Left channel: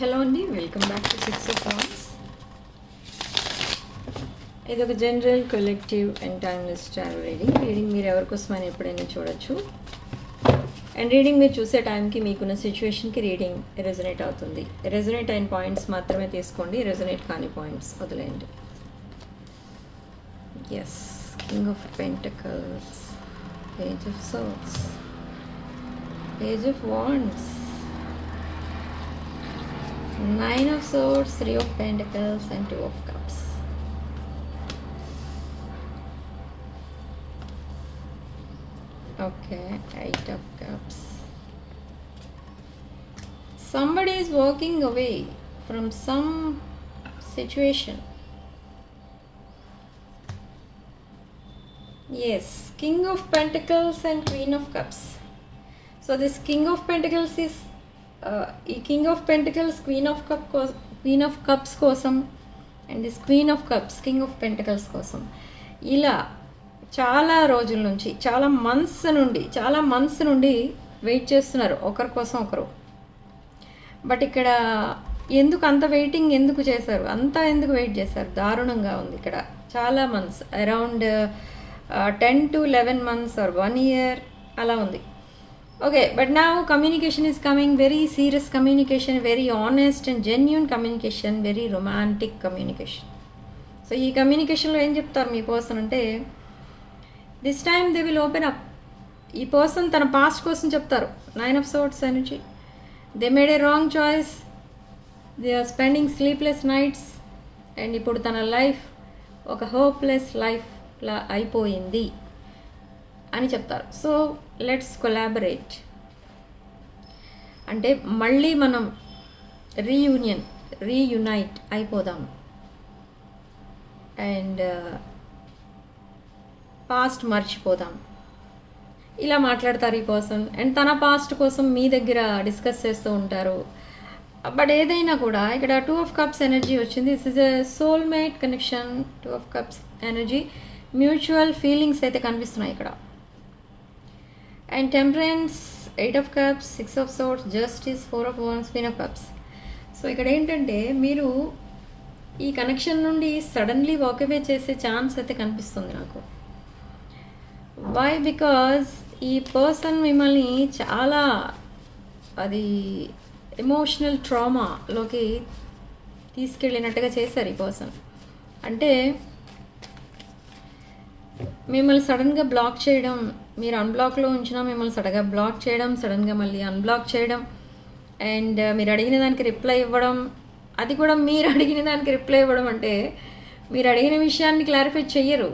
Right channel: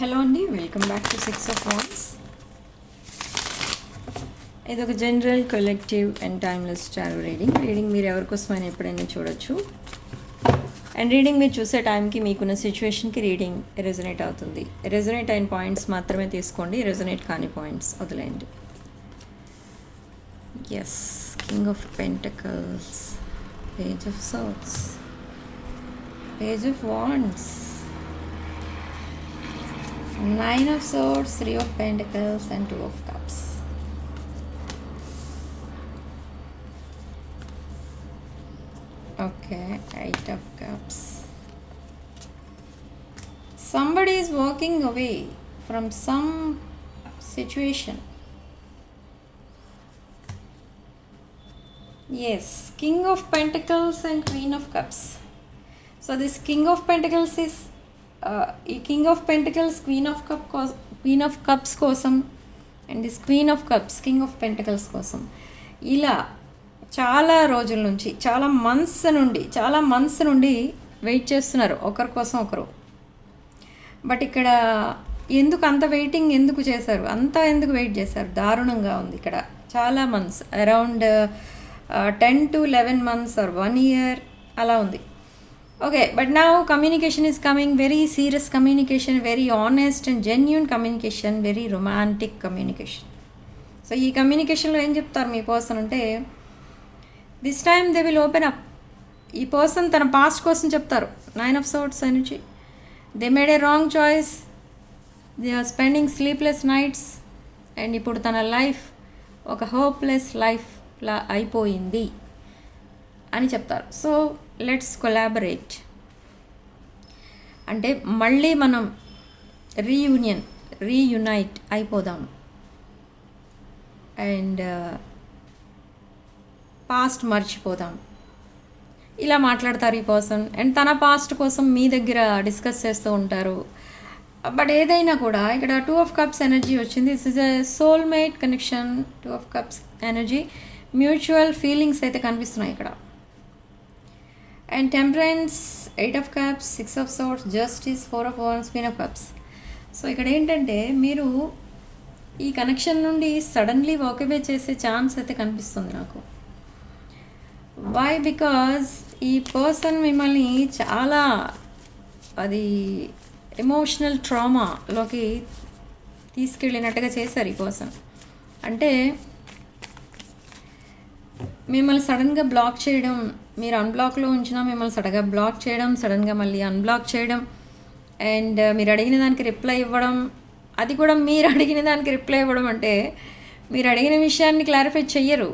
Hello అండి, welcome back to 6 of Wands. ఇది ఒక general collective and timeless tarot reading మీరు ఎవరికోసమైనా ఎప్పుడైనా చూడొచ్చు. అండ్ రీడింగ్ మీరు చూసే టైంకి మీకున్న సిచ్యువేషన్కి రీడింగ్ రెజొనేట్ అవుతుంది. రెజొనేట్ అయిన పాయింట్స్ మాత్రమే తీసుకోండి, రెజొనేట్ కాని పాయింట్స్ వదిలేయండి. Yes, king of pentacles, page of swords, page of wands, Nine of Swords, Three of Pentacles and Two of Cups. Okay, Eight of Cups. Somebody is walking away from some situation. Yes, King of Pentacles and Queen of Cups. So this King of Pentacles is ఈ king of pentacles queen of cups కోసం and this queen of cups king of pentacles కోసం ఇలా చాలా రోజుల నుంచి చాలా months నుండి wait చేస్తున్నారు ఒకరి కోసం ఒకరు. బట్ ఇక్కడ ఎందుకు అంత వెయిటింగ్ ఎందుకు చేశారు, ఎందుకు వెయిట్ చేశారు? దారుణంగా ఉంది ఇక్కడ. చాలా months, around 10 to 11 months or 1 year అలా ఉంది. Okay, but now communication is coming, very serious communication, very honest and genuine communication, very romantic communication. So ఈ కమ్యూనికేషన్లో ఏం చెప్తారు మీ పర్సన్ అంటే, this time they will open up. ఈ person తన పాస్ట్ కోసం చెప్తారు. 9 of Swords energy. They made a wrong choice, they are spending sleepless nights, and ఇప్పుడు తన లైఫ్ ఒక హోప్లెస్ లైఫ్లా అయిపోయింది అని చెప్తారు. సో లెట్స్ కొలాబరేట్ అంటే మళ్ళీ మనం రీయునైట్ అయిపోదాం అండ్ పాస్ట్ మర్చిపోదాం, ఇలా మాట్లాడతారు ఈ పర్సన్. అండ్ తన పాస్ట్ కోసం మీ దగ్గర డిస్కస్ చేస్తూ ఉంటారు. బట్ ఏదైనా కూడా ఇక్కడ 2 of Cups ఎనర్జీ వచ్చింది. This is a soulmate connection. 2 of Cups energy, mutual feelings అయితే కనిపిస్తున్నాయి ఇక్కడ. And temperance, 8 of Cups, 6 of Swords, Justice, 4 of Wands, Queen of Cups. So ఇక్కడ ఏంటంటే మీరు ఈ కనెక్షన్ నుండి సడన్లీ వాకవే చేసే ఛాన్స్ అయితే కనిపిస్తుంది నాకు. వై? బికాజ్ ఈ పర్సన్ మిమ్మల్ని చాలా అది ఎమోషనల్ ట్రామాలోకి తీసుకెళ్ళినట్టుగా చేశారు ఈ పర్సన్. అంటే మిమ్మల్ని సడన్గా బ్లాక్ చేయడం, మీరు అన్బ్లాక్లో ఉంచినా మిమ్మల్ని సడన్గా బ్లాక్ చేయడం, సడన్గా మళ్ళీ అన్బ్లాక్ చేయడం, అండ్ మీరు అడిగిన దానికి రిప్లై ఇవ్వడం, అది కూడా మీరు అడిగిన దానికి రిప్లై ఇవ్వడం అంటే మీరు అడిగిన విషయాన్ని క్లారిఫై చెయ్యరు.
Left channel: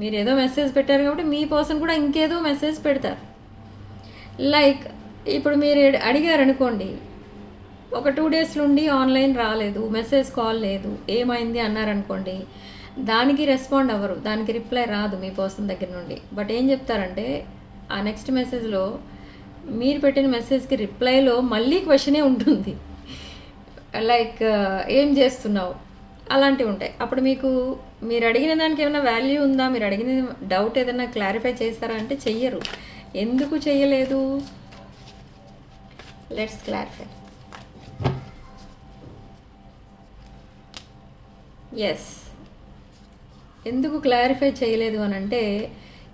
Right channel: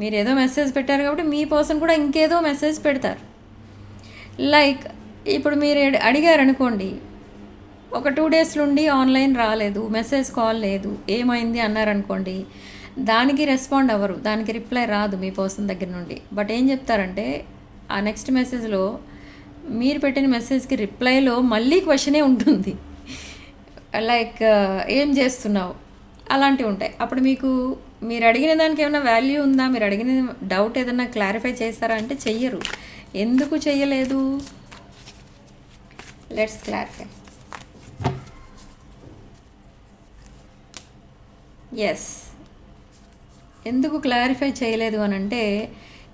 మీరు ఏదో మెసేజ్ పెట్టారు కాబట్టి మీ పర్సన్ కూడా ఇంకేదో మెసేజ్ పెడతారు. లైక్ ఇప్పుడు మీరు అడిగారనుకోండి, ఒక 2 days నుండి ఆన్లైన్ రాలేదు, మెసేజ్ కాల్ లేదు, ఏమైంది అన్నారనుకోండి, దానికి రెస్పాండ్ అవ్వరు, దానికి రిప్లై రాదు మీ పర్సన్ దగ్గర నుండి. బట్ ఏం చెప్తారంటే ఆ నెక్స్ట్ మెసేజ్లో మీరు పెట్టిన మెసేజ్కి రిప్లైలో మళ్ళీ క్వశ్చనే ఉంటుంది. లైక్ ఏం చేస్తున్నావు, అలాంటివి ఉంటాయి. అప్పుడు మీరు అడిగిన దానికి ఏమైనా వాల్యూ ఉందా, మీరు అడిగిన డౌట్ ఏదైనా క్లారిఫై చేస్తారా అంటే చెయ్యరు. ఎందుకు చెయ్యలేదు? Let's clarify. ఎస్, ఎందుకు క్లారిఫై చేయలేదు అని అంటే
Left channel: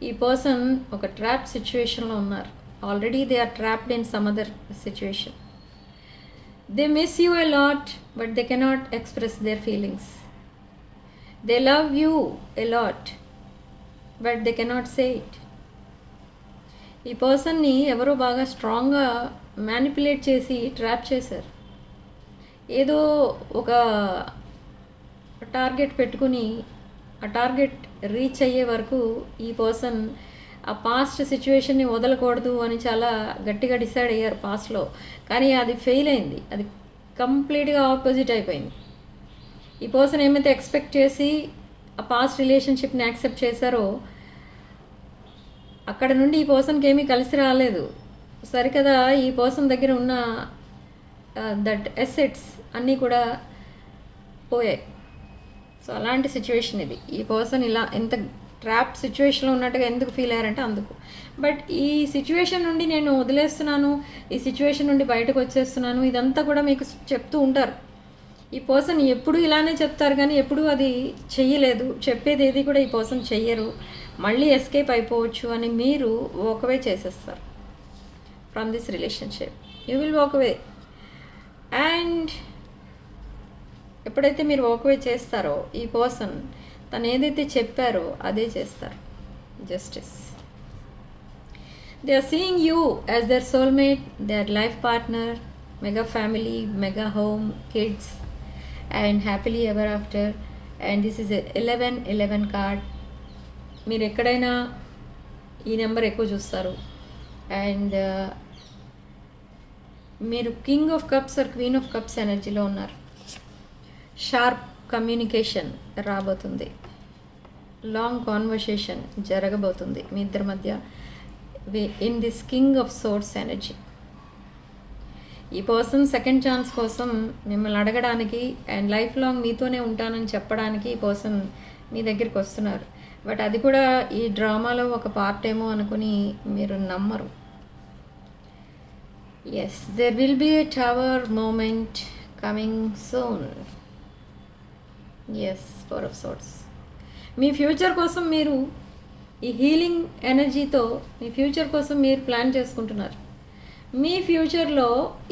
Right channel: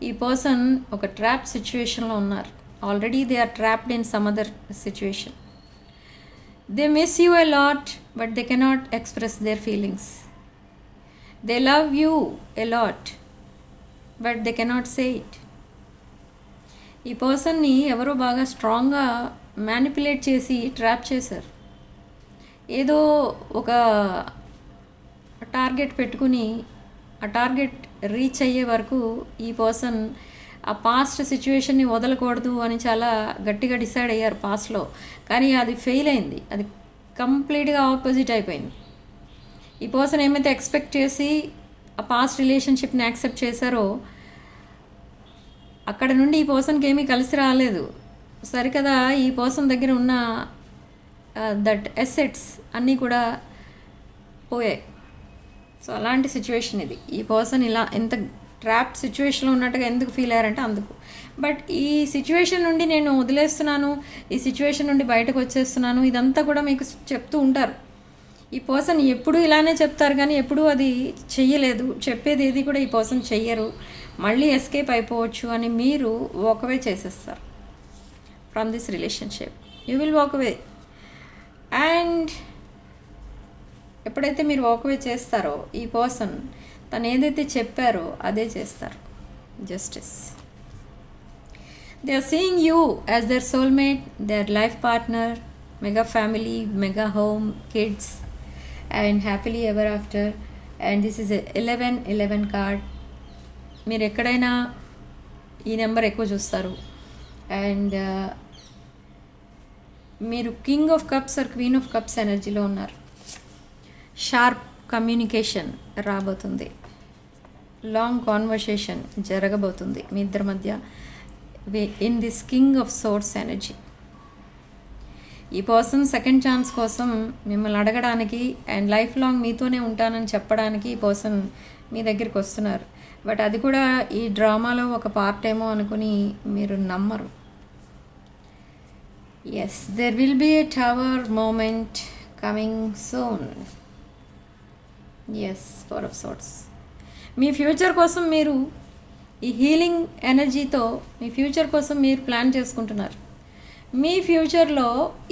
ఈ పర్సన్ ఒక ట్రాప్ సిచ్యువేషన్లో ఉన్నారు. Already they are trapped in some other situation. They miss you a lot but they cannot express their feelings. They love you a lot but they cannot say it. ఈ పర్సన్ని ఎవరో బాగా స్ట్రాంగ్గా manipulate చేసి trap చేశారు. ఏదో ఒక target పెట్టుకుని ఆ టార్గెట్ రీచ్ అయ్యే వరకు ఈ పర్సన్ ఆ పాస్ట్ సిచ్యువేషన్ని వదలకూడదు అని చాలా గట్టిగా డిసైడ్ అయ్యారు పాస్ట్లో. కానీ అది ఫెయిల్ అయింది, అది కంప్లీట్గా ఆపోజిట్ అయిపోయింది. ఈ పర్సన్ ఏమైతే ఎక్స్పెక్ట్ చేసి ఆ పాస్ట్ రిలేషన్షిప్ని యాక్సెప్ట్ చేశారో అక్కడ నుండి ఈ పర్సన్కి ఏమీ కలిసి రాలేదు. సరికదా ఈ పర్సన్ దగ్గర ఉన్న దట్ ఎసెట్స్ అన్నీ కూడా పోయాయి. సో అలాంటి సిచ్యువేషన్ ఇది. ఈ పర్సన్ ఇలా ఎంత ట్రాప్ సిచ్యువేషన్లో ఉన్నట్టుగా ఎందుకు ఫీల్ అయ్యారంటే అందుకు. బట్ ఈ సిచ్యువేషన్ నుండి నేను వదిలేస్తున్నాను, ఈ సిచ్యువేషన్ నుండి బయటకు వచ్చేస్తున్నాను, ఇదంతా కూడా మీకు చెప్తూ ఉంటారు. ఈ పర్సన్ ఎప్పుడూ ఇలానే చెప్తారు కానీ ఎప్పుడూ అది చెయ్యలేదు, చెప్పేది ఏది కూడా ఈ పర్సన్ చెయ్యరు, మళ్ళీ ఎస్కేప్ అయిపోవచ్చు అని మీరు వాక్ అవే చేసేస్తారు from this relationship. You will walk away. And ఎప్పుడైతే మీరు వాక్ అవే చేస్తారో ఈ పర్సన్ తను ఏదైతే చెప్పారో అదే చేస్తారు. Justice. They are seeing you as their soulmate, their life partner, mega family, mega home, kids and happily ever after. And this is 1111 card. మీరు ఎక్కడైనా ఈ నెంబర్ ఎక్కువ చూస్తారు. అండ్ మీరు king of cups or queen of cups ఎనర్జీలో ఉన్నారు. Sharp communication రాబోతుంది, long conversation జరగబోతుంది మీ ఇద్దరి మధ్య in this king of swords energy. ఈ పర్సన్ సెకండ్ ఛాన్స్ కోసం మిమ్మల్ని అడగడానికి అండ్ లైఫ్ లాంగ్ మీతోనే ఉంటానని చెప్పడానికి ఈ పర్సన్ మీ దగ్గరికి వస్తున్నారు. బట్ అది కూడా ఈ డ్రామాలో ఒక పార్ట్ ఏమో అనుకుని మీరు నమ్మరు. Yes, there will be a tower moment coming soon. Yes, Four of Swords. మీ ఫ్యూచర్ కోసం మీరు ఈ హీలింగ్ ఎనర్జీతో మీ ఫ్యూచర్ కోసం మీరు ప్లాన్ చేసుకుంటున్నారు. మీ ఫ్యూచర్లో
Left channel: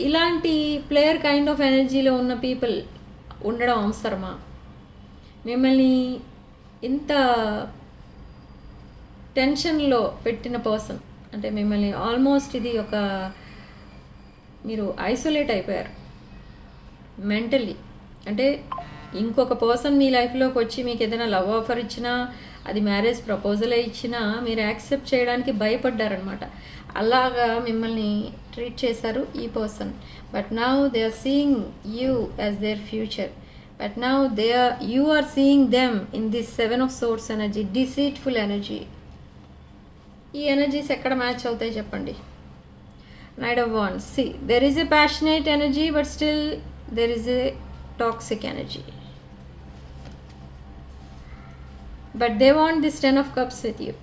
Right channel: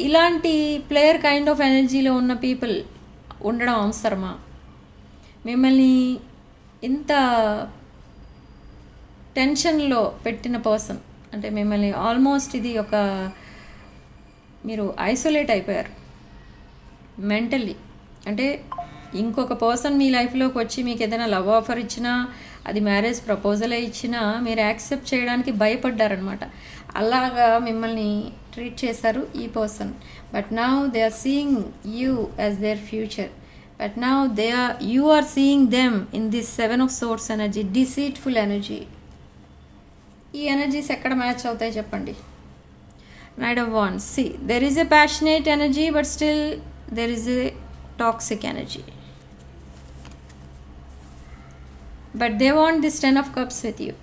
ఇలాంటి ప్లేయర్ కైండ్ ఆఫ్ ఎనర్జీలో ఉన్న పీపుల్ ఉండడం అవసరమా? మిమ్మల్ని ఇంత టెన్షన్లో పెట్టిన పర్సన్, అంటే మిమ్మల్ని ఆల్మోస్ట్ ఇది ఒక మీరు ఐసోలేట్ అయిపోయారు మెంటల్లీ. అంటే ఇంకొక పర్సన్ మీ లైఫ్లోకి వచ్చి మీకు ఏదైనా లవ్ ఆఫర్ ఇచ్చినా, అది మ్యారేజ్ ప్రపోజలే ఇచ్చినా మీరు యాక్సెప్ట్ చేయడానికి భయపడ్డారనమాట. అలాగా మిమ్మల్ని ట్రీట్ చేశారు ఈ person. But now they are seeing you as their future. But now you are seeing them in this 7 of Swords energy, deceitful energy. ఈ ఎనర్జీస్ ఎక్కడ మ్యాచ్ అవుతాయి చెప్పండి? Knight of Wands. See, there is a passionate energy, but still there is a toxic energy. But they want this 10 of Cups with you.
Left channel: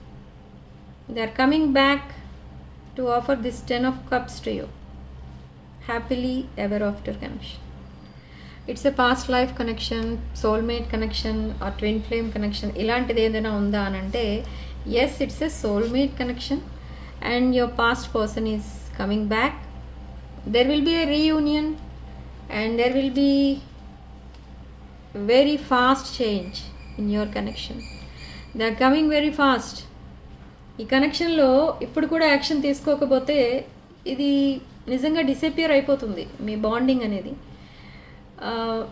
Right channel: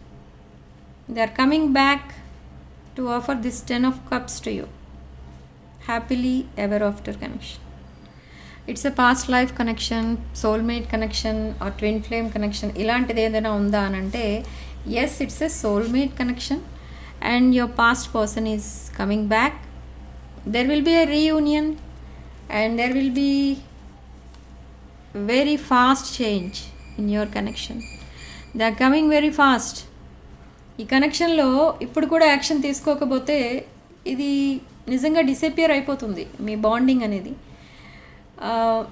They are coming back to offer this 10 of Cups to you. Happily ever after connection. It's a past life connection, soulmate connection or twin flame connection. ఇలాంటిది ఏదైనా ఉందా అని అంటే yes, it's a soulmate connection and your past person is coming back. There will be a reunion and there will be very fast change in your connection. They are coming very fast. ఈ కనెక్షన్లో ఇప్పుడు కూడా action తీసుకోకపోతే ఇది నిజంగా disappear అయిపోతుంది మీ bonding అనేది.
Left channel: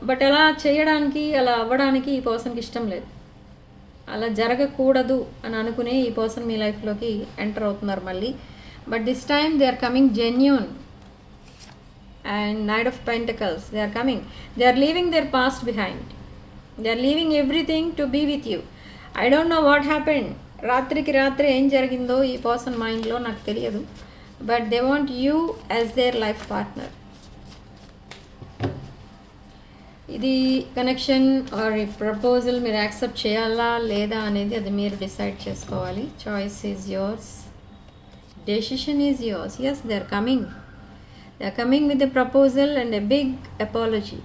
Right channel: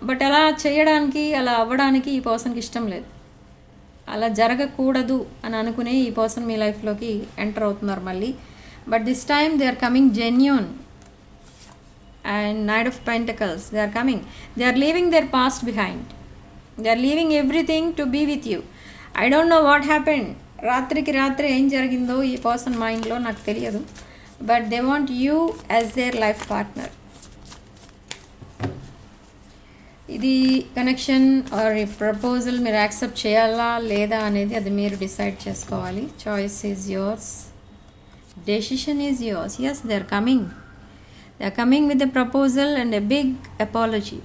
But అలా చేయడానికి, అలా అవ్వడానికి ఈ పర్సన్కి ఇష్టం లేదు. అలా జరగకూడదు అని అనుకునే ఈ పర్సన్ మీ లైఫ్లోకి ఎంటర్ అవుతున్నారు మళ్ళీ. But this time they are coming genuine. And Knight of Pentacles, they are coming. They are leaving their past behind. They are leaving everything to be with you. I don't know what happened. రాత్రికి రాత్రి ఏం జరిగిందో ఈ person మైండ్లో నాకు తెలియదు. But they want you as their life partner. ఇది connection or ఈ ప్రపోజల్ మీరు యాక్సెప్ట్ చేయాలా లేదా అనేది అది మీరు డిసైడ్ చేసుకోవాలి. Choice is yours, decision is yours. Yes, they are coming. They are coming with a proposal and a big apology.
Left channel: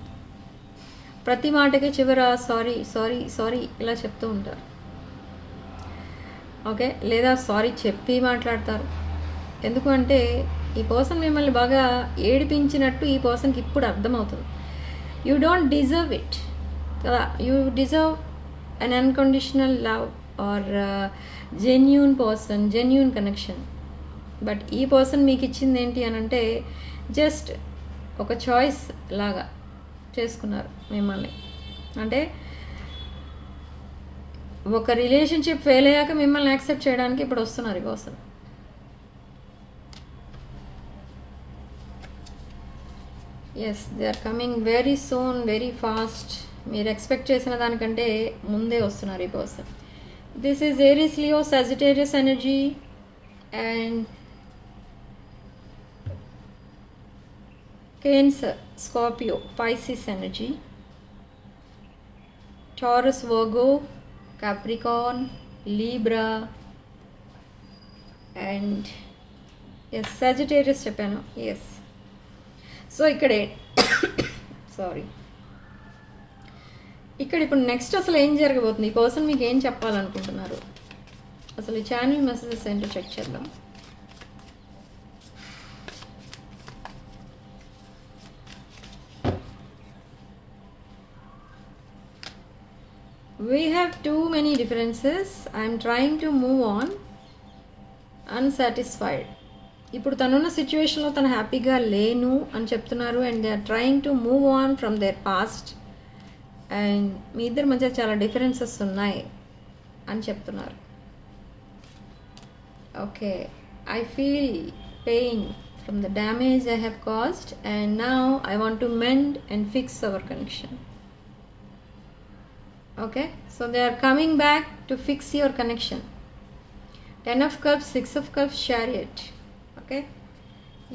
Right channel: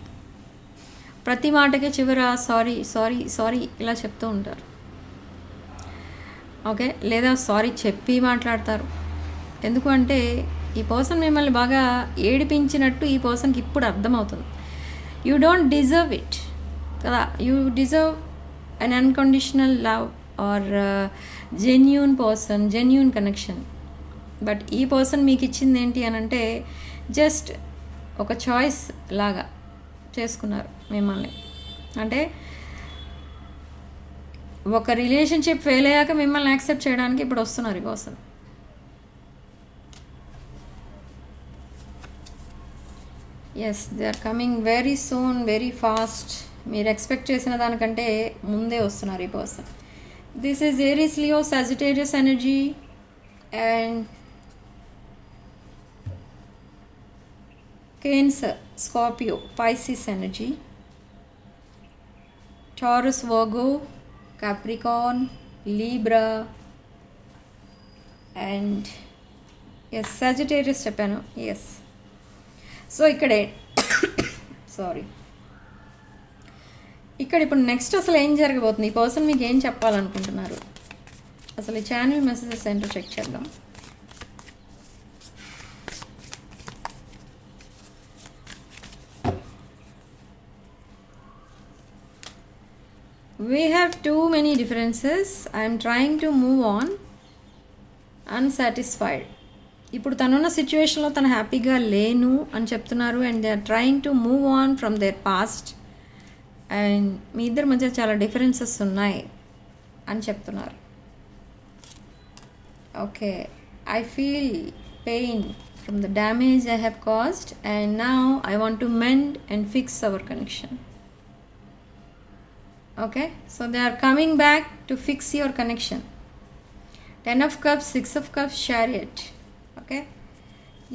ప్రతి మాటకి చివర సారీ సారీ సారీ ఇలా చెప్తూ ఉంటారు. ఓకే, లేదా సారీ చెప్పి మాట్లాడతారు. ఎందుకంటే ఈ పర్సన్ మిమ్మల్ని బాగా ఏడిపించినట్టు ఈ పర్సన్కి ఇప్పుడు అర్థమవుతుంది. యూ డోంట్ డిజర్వ్ ఇట్ కదా. You deserve an unconditional love or genuine person, genuine connection. But ఈ పర్సన్ మీకు ఇచ్చింది ఏంటి అని అంటే జస్ట్ ఒక చాయిస్ లాగా చేసుకున్నారు మిమ్మల్ని. అంటే ఒక రిలేషన్షిప్ ఫెయిల్ అయ్యాక మిమ్మల్ని యాక్సెప్ట్ చేయడానికి ఇప్పుడు వస్తున్నారు ఈ person. Yes, they are coming very soon, very fast. మీరు ఎక్స్పెక్ట్ చేసిన దానికంటే ముందే వస్తున్నారు ఈ person. This is Aries, Leo, Sagittarius energy and Cancer, Scorpio, Pisces energy, Taurus, Virgo, Capricorn, Libra and yes Sagittarius చెప్పాను. ఎస్. సో ఇక్కడే sorry, ఇక్కడ ఇప్పుడు నెక్స్ట్ అసలు ఏం జరగబోతుంది, ఈ పర్సన్ మీకు ఏం చెప్పాలనుకుంటున్నారు, అసలు ఈ ఛానల్ మెసేజెస్ ఏంటో చెక్ చేద్దాం. We have too many differences. I am trying to move on. Unsatisfied. ఇప్పుడు తనున్న సిచ్యువేషన్లో తను హ్యాపీగా లేను అని చెప్తున్నారు. And they are trying to move on from their past. And మీ ఇద్దరి మధ్య చాలా డిఫరెన్సెస్ ఉన్నాయి అని చెప్తున్నారు. Okay, I feel pain from the damage I have caused and now I want to mend and fix our connection. Okay, so they are coming back to fix your connection. 10 of cups, 6 of cups, chariot. Okay,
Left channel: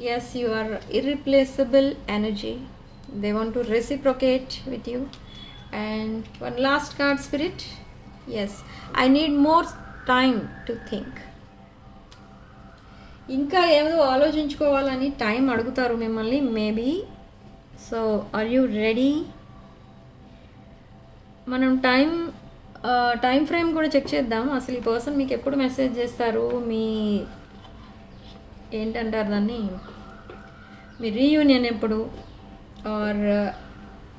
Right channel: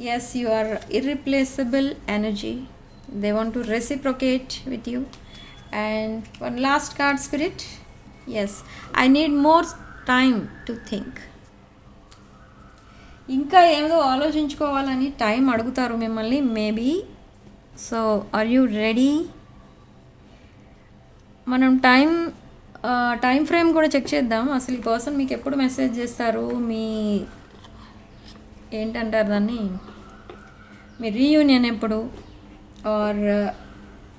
yes, you are irreplaceable energy. They want to reciprocate with you. And one last card, spirit. Yes, I need more time to think. ఇంకా ఏదో ఆలోచించుకోవాలని time అడుగుతారు మిమ్మల్ని maybe. So are you ready? మనం time frame కూడా check చేద్దాం. అసలు ఈ person మీకు ఎప్పుడు మెసేజ్ చేస్తారు, మీ ఏంటంటారు దాన్ని, మీ రీయూనియన్ ఎప్పుడు, ఆర్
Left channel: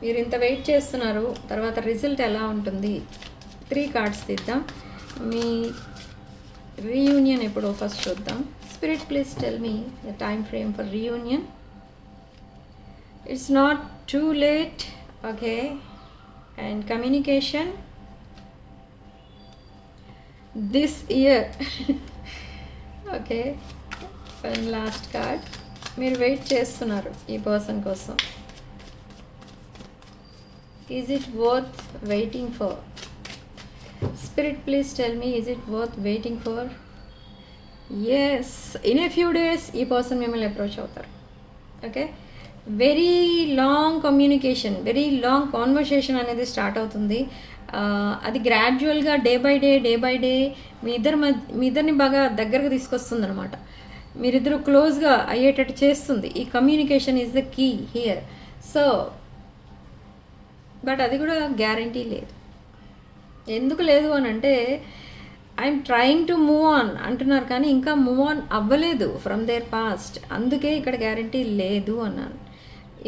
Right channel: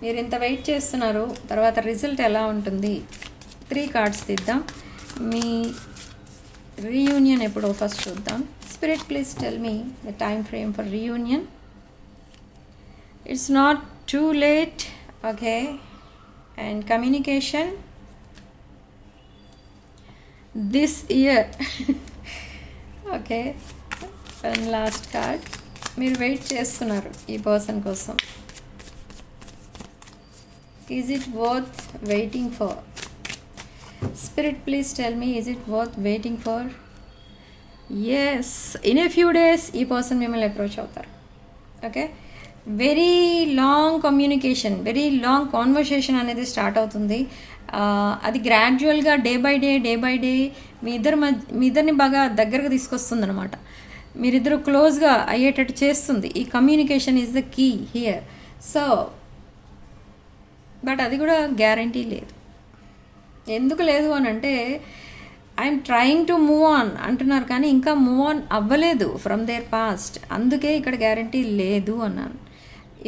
మీరు ఇంత వెయిట్ చేస్తున్నారు, తర్వాత రిజల్ట్ ఎలా ఉంటుంది. 3 కార్డ్స్ తీద్దాం. మీ రీయూనియన్ ఎప్పుడు ఫస్ట్ చూద్దాం. Spirit please tell me the time frame for reunion. It's not too late. Okay, and communication this year. Okay, and last card, మీరు వెయిట్ చేస్తున్నారు ఈ పర్సన్ కోసం. Is it worth waiting for? Spirit please tell me, is it worth waiting for? Yes, in a few days ఈ person మిమ్మల్ని approach అవుతారు. Okay, very long communication, very long conversation అనేది start అవుతుంది. అది గ్రాడ్యువల్గా డే బై డే మీ ఇద్దరిని బాగా దగ్గరకు తీసుకొస్తుంది అనమాట. మీరిద్దరు క్లోజ్గా అయ్యేటట్టు చేస్తుంది. ఈ communication is the key here. So but అది కూడా గ్యారంటీ లేదు. ఎందుకు లేదు అని అంటే I'm trying to move on అంటున్నారు, కానీ ఇంకా మూవ్ ఆన్ అవ్వలేదు ఫ్రమ్ దేర్ పాస్ట్. అందుకే ఇక్కడ గ్యారంటీ లేదు అన్నాను.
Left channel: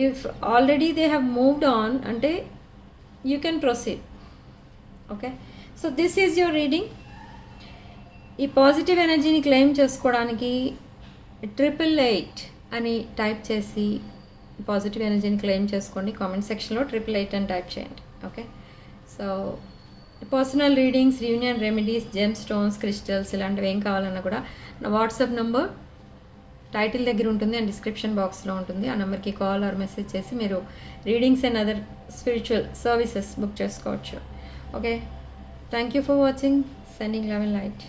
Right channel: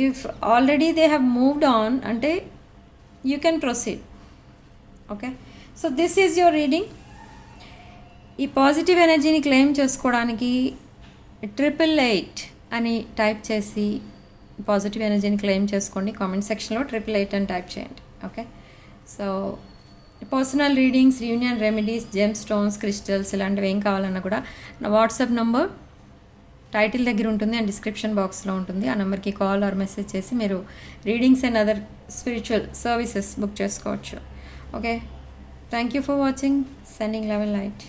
If already they have moved on అంటే you can proceed. Okay, so this is your reading. ఈ పాజిటివ్ ఎనర్జీని క్లెయిమ్ చేసుకోవడానికి 888 అని టైప్ చేసి పాజిటివ్ ఎనర్జీని క్లెయిమ్ చేసుకోండి. కామెంట్ సెక్షన్లో 888 అని టైప్ చేయండి. Okay, so personal readings, reunion remedies, gem stones, crystals ఇలాంటివి ఏం కావాలన్నా కూడా నా వాట్సాప్ నంబర్ టైటిల్ దగ్గర ఉంటుంది అండ్ డిస్క్రిప్షన్ బాక్స్లో ఉంటుంది. ఆ నెంబర్కి కాల్ ఆర్ మెసేజ్ చేసి మీరు readings and other spiritual services book చేసుకోవచ్చు. Okay, thank you for watching. Sending love and light.